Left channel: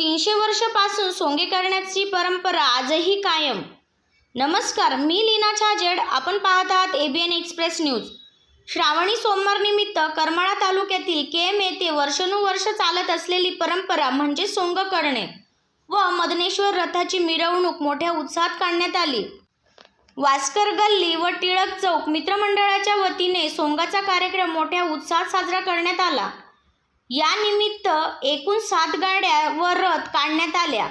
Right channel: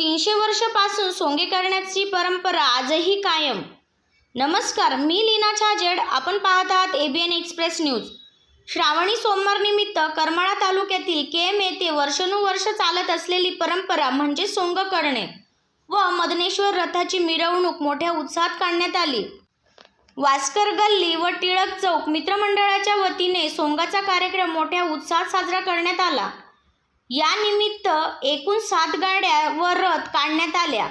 तीनशे वर्षापासून सोंगे करण्याची परंपरा आजही कायम. नमस्कार मी लीना छाजेड. आपण पाहत आहात एबीएन एक्सप्रेस न्यूज श्रावणी सोमवार निमित्त करमाळा तालुक्यातील के एम येथे वर्षानुवर्ष चालत असलेली परंपरा म्हणजे सोंग करणे व मदनेश्वर रथाची मिरवणूक मोठ्या उत्साहात काढण्यात आली. वास्कर गल्ली व टिळक चौक मित्रमंडळाच्या वतीने सोंगाचा कार्यक्रम मोठ्या उत्साहात साजरा करण्यात आला. या निमित्त एकूण सात गाड्या व रथ काढण्यात आल्या.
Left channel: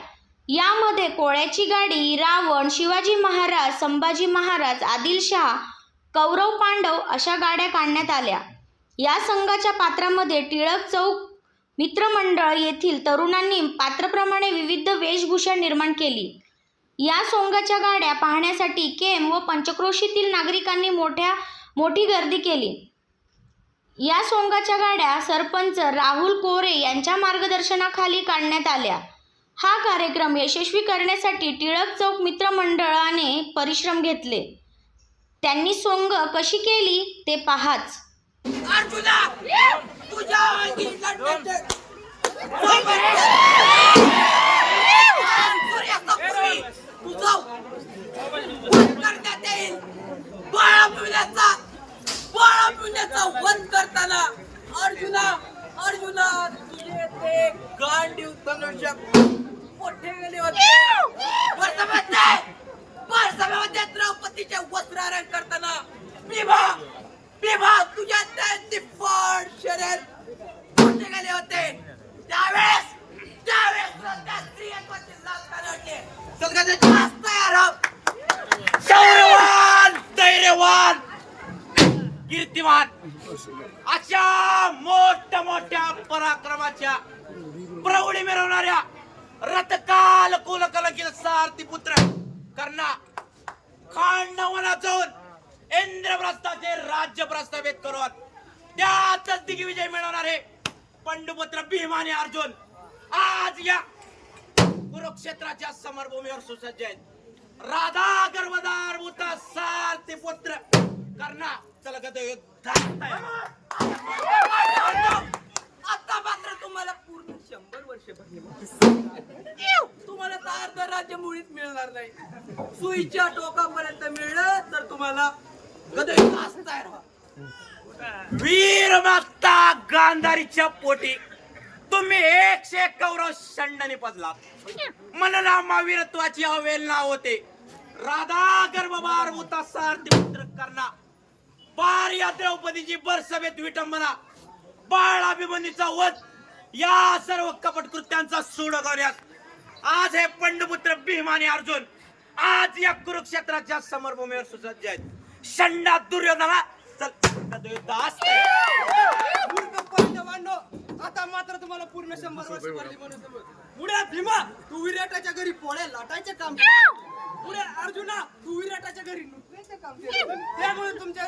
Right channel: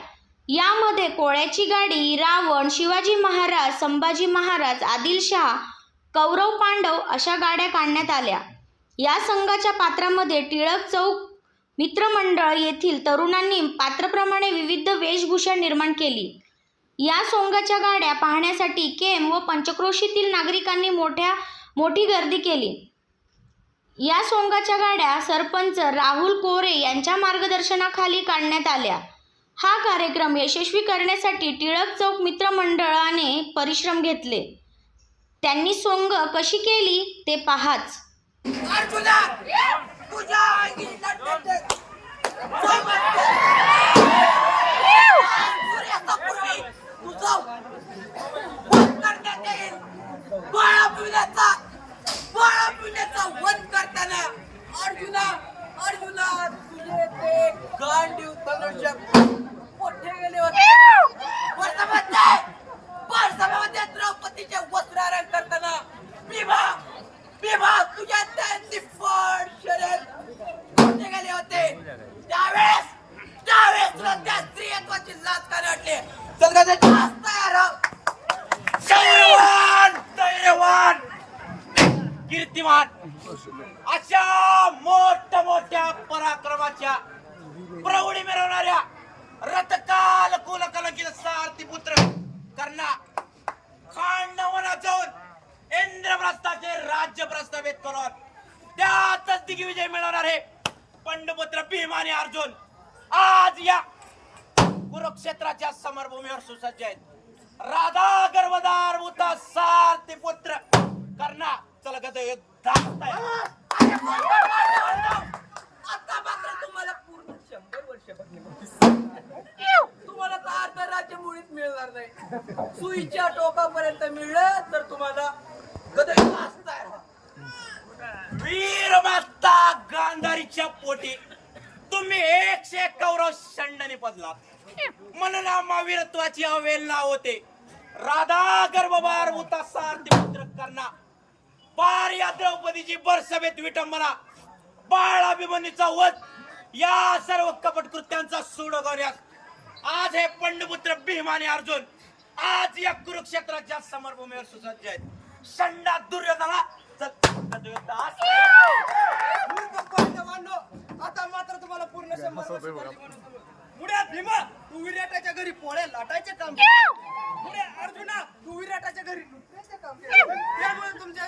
यामध्ये कोळ्याची गाडी रावण शिवाजी महाराज संभाजी महाराज आदिलशहा कौरव पांडव अशा गाड्या काढण्यात आल्या. या संघाच्या पात्रामध्ये टिळक चौक मित्रमंडळ येथील तरुणांनी पात्राप्रमाणे विविध वेशभूषा निर्माण केली. या सोंगाच्या गाड्या पाहण्यासाठी केम व पंचक्रोशीतील नागरिकांनी मोठ्या मोठी गर्दी केली. या सोंगाच्या गाड्या सरपंच राहुल कोरे यांच्या मार्गदर्शनाखाली काढण्यात आल्या. हा कार्यक्रम यशस्वी करण्यासाठी टिळक चौक मित्रमंडळाने परिश्रम घेतले. त्यांनी सोंग कशी केली ते पाहाच अर्जुना तुझ्या अंगी लढण्याचे सूर्याचा पूर्वी तुझा वध करण्यात येईल बाळा पिण्याचा बाळा पिण्याचा वध करताना अर्जुना अर्जुना तुझे ते गांडीव धनुष्य मोठे गेले होते वर्षामध्ये वर्षामध्ये द्रौपदीचे वस्त्रारण करताना भीमा भीमा तुझ्या त्यांनी फळ शर्यत मोठे होते. त्यावेळेस त्यावेळेस तुला त्या स्त्रियत्वाची लाच का नडली जास्त तयार धैर्यवान कीर्तिमान अशा मोठ्या मोठ्या पराक्रमाच्या प्रौढी मिळवणाऱ्या रथकाल कुलकलंकित सारथी पुत्र कर्णा खांडवना जाऊन इंद्रप्रस्थाचे राज्य प्रस्थापित करून त्यातच दिग्विजय मिळवणार आहे. पंडपुत्र भीम आणि अर्जुन आज या कुरुक्षेत्राच्या समरभूमीवर सुसज्ज आहेत. राधा गर्भदार भूता सारथी पुत्र कर्णा चल गद आता मात्र तुम्हाला पूर्ण शंभर वर्ष तुम्हाला तर अर्ध राज्य मुळीच मिळणार नाही. सुईच्या टोकापर्यंत मिळलं तर तुम्हाला गदय वाचताय वीर माता गांधारीच्या पोटी. तुम्ही एकशे एक कौरव शंडनी पदलात म्हणून महावीरत्वाची अवेलना होते. राधा गर्भभार मुता सारथी पुत्र कर्णा बार या द्रौपदीची बरसभेत विटंबना. बाळ अभिमन्यूचा वध. या सर्व कपट कृत्यांचा सूड गौऱ्यात आज हे पंडपुत्र भीम आणि अर्जुन आज या कुरुक्षेत्राच्या समरभूमीवर सुसज्ज आहेत. शंडा दुर्योधना चल. आता मात्र तुम्हाला पूर्ण शंभर वर्ष म्हणून समज. पुढे भीमा तू विराटाच्या घरी पोळ्या लाटायचे काम. पुढे अर्जुना तू विराटाच्या घरी नुकत्याचे काम केले त्यामुळे तुमच्या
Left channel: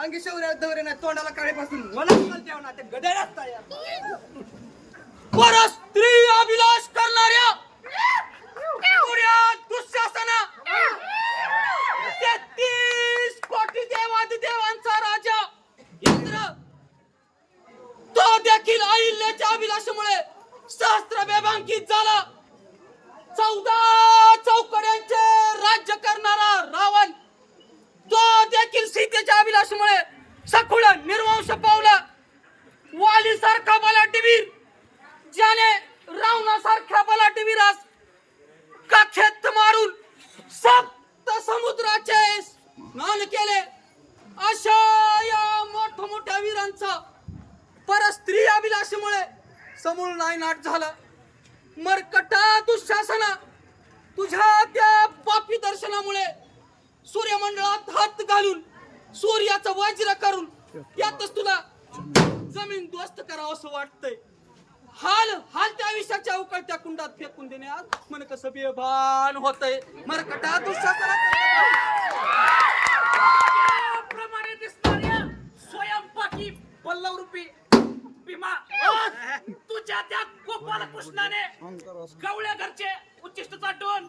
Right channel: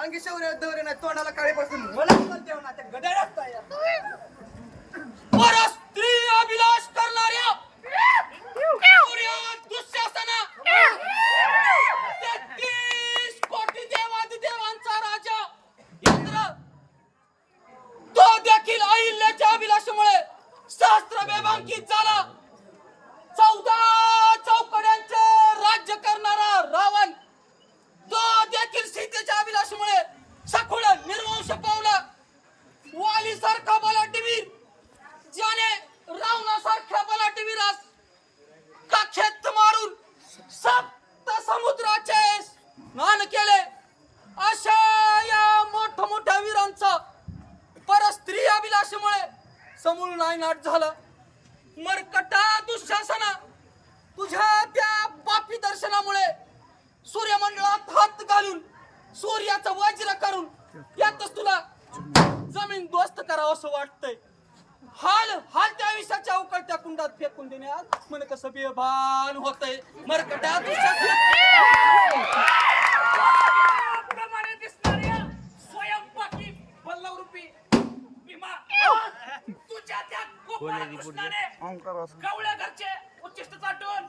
अंगी शौर्य दौरे नाही तोंडाला काळेपासून मला देऊ ना ते गड्यालाच तयार. पर स्त्री अभिलाष करणाऱ्या देखील अहिल्याच्या अभिलाषामुळे सहस्त्र बेबांकित झाला. चौदा चौकड्यांचे राज्य करणारा रावण तो देखील सीतेच्या अभिलाषामुळे सखुळ निर्वंश पावला. वाली सारखा बलाटीवीर ज्याने रावणासारख्या बलाटीवीरास खेत मारून सप्त समुद्राचे स्नान केले अशा या मोठ्या मोठ्या वीरांचा पर स्त्री अभिलाषेमुळे समूळ नायनाट झाला. मरकटा दुःशासना. तुझ्या त्या पापी दर्शनामुळे सूर्यमंडळात हात घालून सूर्याचं वज्र करून यातच तुला जमीन दोस्त करावं असं वाटतंय. हाल हाल त्या विषयाच्या उकळत्या कुंडात फेकून देण्यात मन कसं बेभान होतय. मरकटा दुःशासना. प्रमाणे दिसणाऱ्या स्वयंपाकी पल्लव रूपी भीमा. तुझ्या त्या गोपाल कृष्णाने गवळ्या घरचे उच्चिष्ट चाटून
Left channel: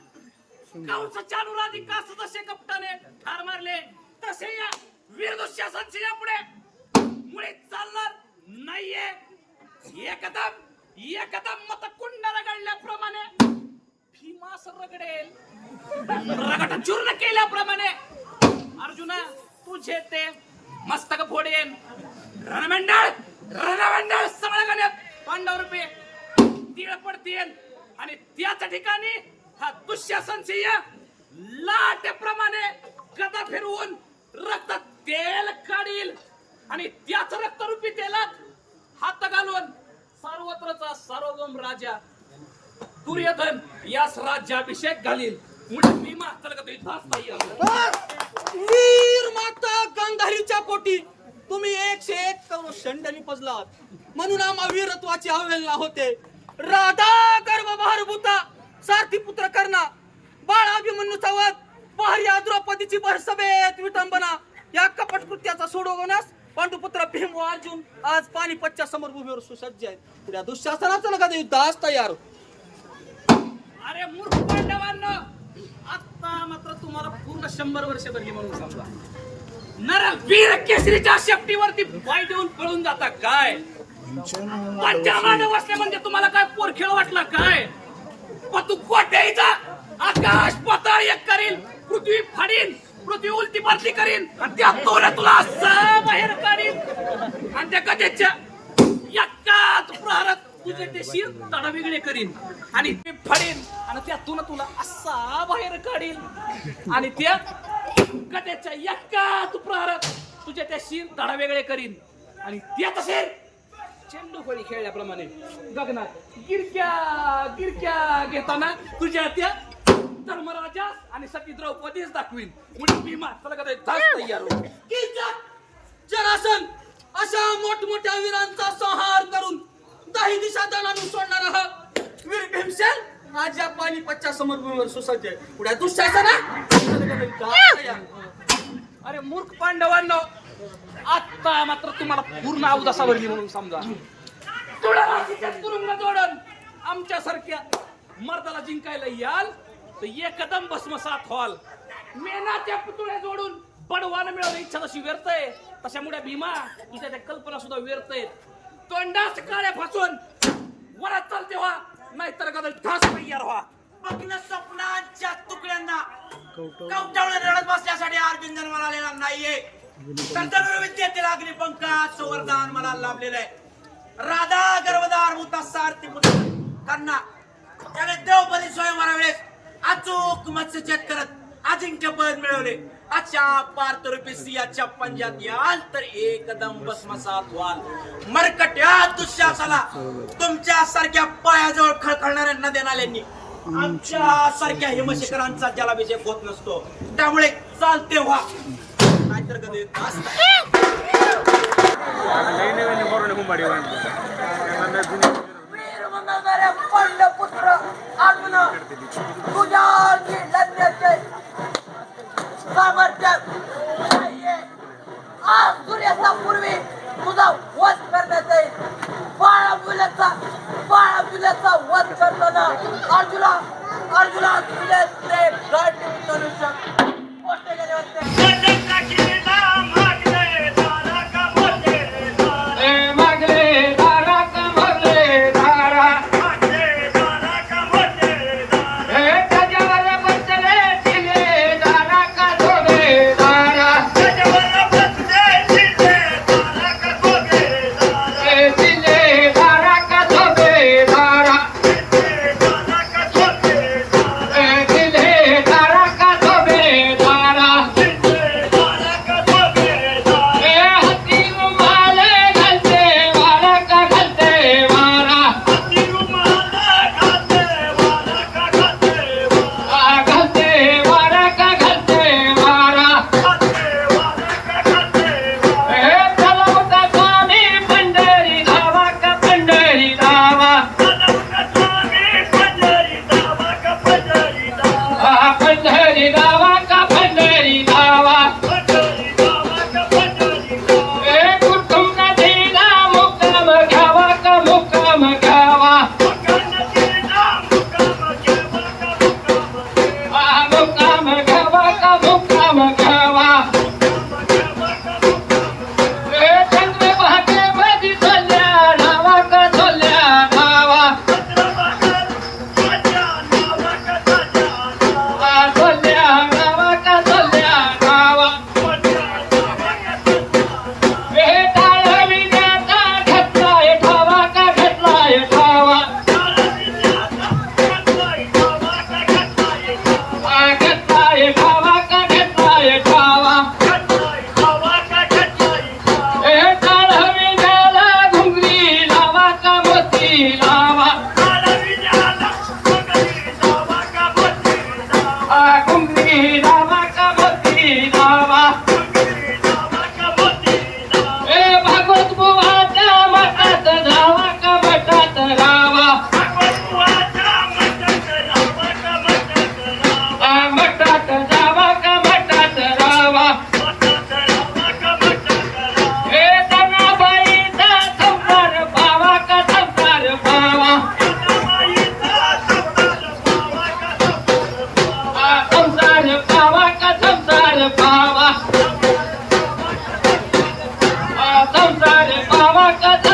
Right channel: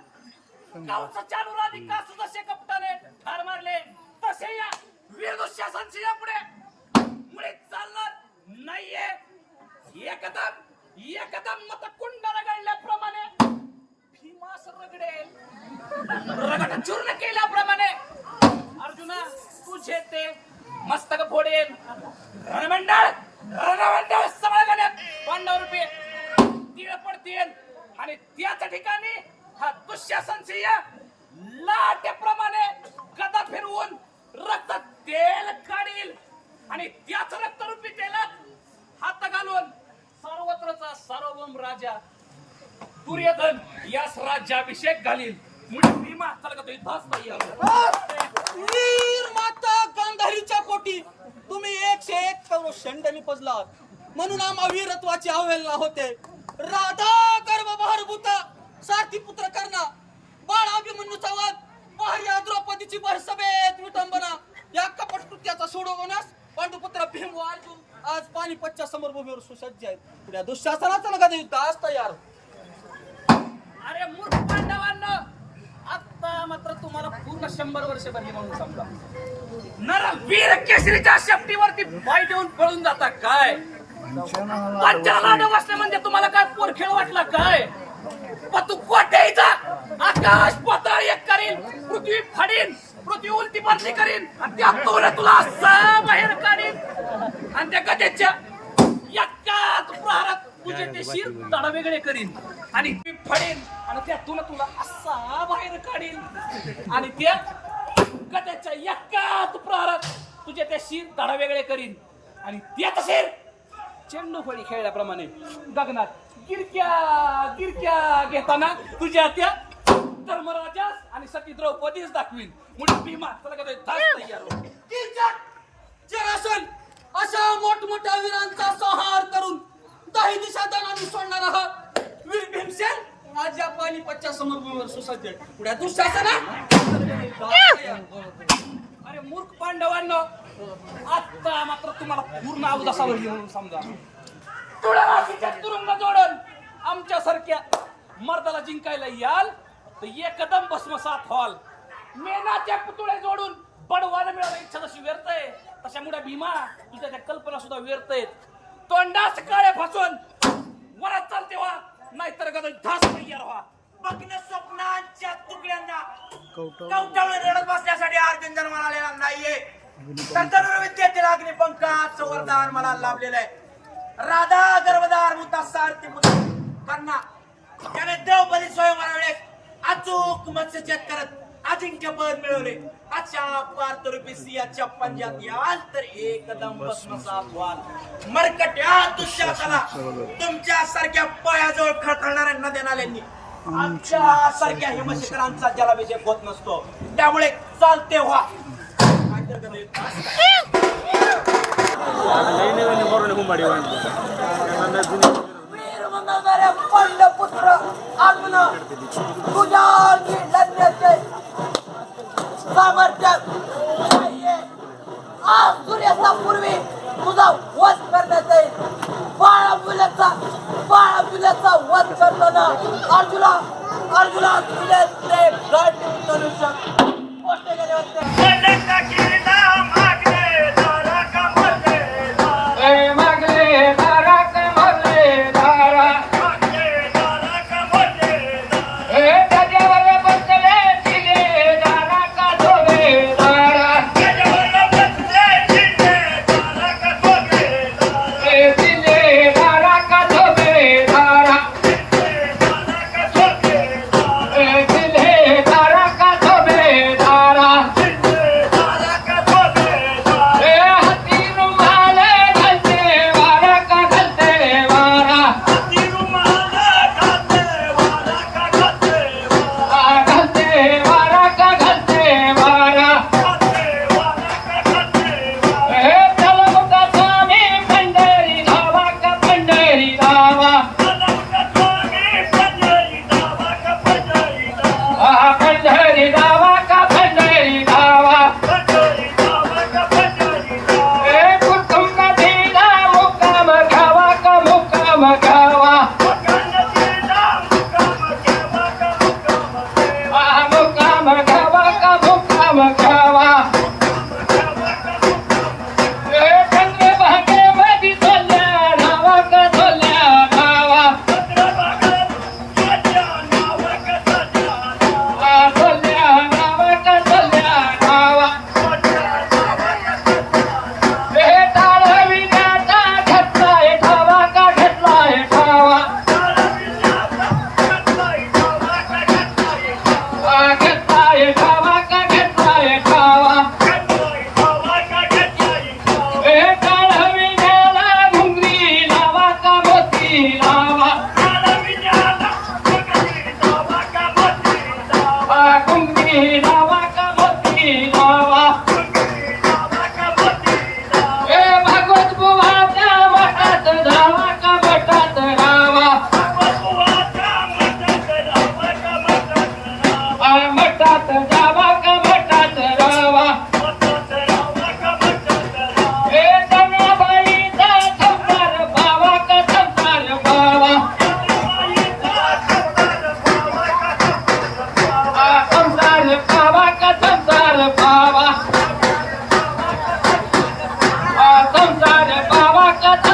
गावचा चानुराधिका सदस्य कपटाने ठार मारले तसे या वीर दुःशासनची पुढे मुळे चालणार नाहीये. एकदम एकदम मत कुंडाला गळल्याप्रमाणे मास रगडेल. रगड चूर्ण केल्याप्रमाणे अर्जुना तुझे ते मस्तक फोडेन रणमंडळ! रणमंडळ समळगण्यात पांडव रुपये तीळ पडतील आणि त्याच ठिकाणी हा दुःशासन सिंह लाटेप्रमाणे गदा फिरवून रक्त तेल काढील. आणि त्याच रक्तरूपी तेलात हात घालून सर्वत्रचा सार्वभौम राजा दुर्योधन यास राज्याभिषेक घालील. मुळे भीमा का तुझी धास नाही वीर माता गांधारीच्या पोटी. तुम्ही एकशे एक करोड शंड निपजलात म्हणून आम्हा वीरत्वाची अवहेलना होते. राधा गर्भभार बहरभूता सारथी पुत्र कर्णा बाळा अभिमन्यूचा वध पहर्या द्रौपदीची भरसभेत विटंबना. या कपट कृत्याचा सोडवण्यास पांडुपुत्र भीम व अर्जुन आज पानिपतच्या समरभूमीवर सुसज्ज आहेत. पुढ्या दुःशासनाचा नका युद्धास तयार. अरे मूर्ख पांडवांना आता मात्र तुम्हाला पूर्ण शंभर वर्ष भरली म्हणून समजा. नर वीर केसरीच्या शेपटीवरती पाय देऊन पळून जाता काय? पंचाला बसले म्हणजे तुम्हाला काय पोरखेळ वाटला काय? पण तू कोट्याचा आकाश पाताळ एक करील पृथ्वी फाडीन पृथ्वी उलटी पालटी करीन आणि त्या तोला तुला असा बाहेर काढीन. आणि त्या गजेच्या एकाच प्रहारात तुझे ते शिर तडा वेगळे करीन. आणि ते फडेन आणि त्यातून तुला असा बाहेर काढील आणि त्या गजेच्या एकाच तुझ्या त्या शिर तडा वेगळे करीन. आणि त्याच शिर चेंडू फळी खेळल्याप्रमाणे. गगनात गिरक्या गिरक्या घेताना तुझ्या त्या धर्मराजा आणि सती द्रौपदीच दाखवीन. मुळे भीमा चला का जरासन अशा मोठमोठ्या वीरांचा संहार करून दही दिशा दणानून सोडणार आहात. वीर भीमसेन राजा या पानिपतच्या समोर सुसज्ज आहे. दुःशासना. अरे मूर्ख पांडवांना आता मात्र तुम्हाला पूर्ण अवदासावरली म्हणून समजा. तुळाराशीच्या तुरुंग जोडून आमच्या सारख्या मर्दाला जिंकायला याल तर एकदम भस्मसात व्हाल. मेनाच्या पुतळे जोडून बडवानं मिळवलं इच्छा जशी व्यर्थय तशामुळे भीमा तुझ्या त्या कल्पना सुद्धा व्यर्थय तोंडात काळ्या फासून वरात चालते व्हा नाहीतर गदा धास तयार व्हा. बघणं स्वप्नांच्या तुकड्यांना कवटाळून रडत बसण्यासाठी अर्जुन जन्माला आलेला नाहीये. तर धनुर्विद्येतील वरदान मला लाभलेलं आहे. राधा गर्भदार मुता सारथी मुद्दा. कन्ना त्याने द्रौपदी स्वयंवरा वेळेस अचूक मत्स्यछेद करत अजिंक्य पद मिळवले. अच्छा पार्थरूपी सियाच्या पंजात याल तर एकदम भस्मसात व्हाल. मरकट्या दुःशासाला तुमच्या सारख्या पायाजवळ खळखळणाऱ्या नद्या नाल्यांनी आमच्या सारख्या हिमशिखरांचा जलाभिषेक होत नसतो. त्यामुळे चालते व्हा. नाहीतर कधी युद्ध असतं. वीर मंगळणाऱ्या पांडव लढण्याचे सामर्थ्य नाहीये. आज सूर्यास्तापूर्वी तुझा वध करण्यात येईल बाळा मुलाचा बाळा मुलाचा वध करताना अर्जुना अर्जुना तुझ्या God.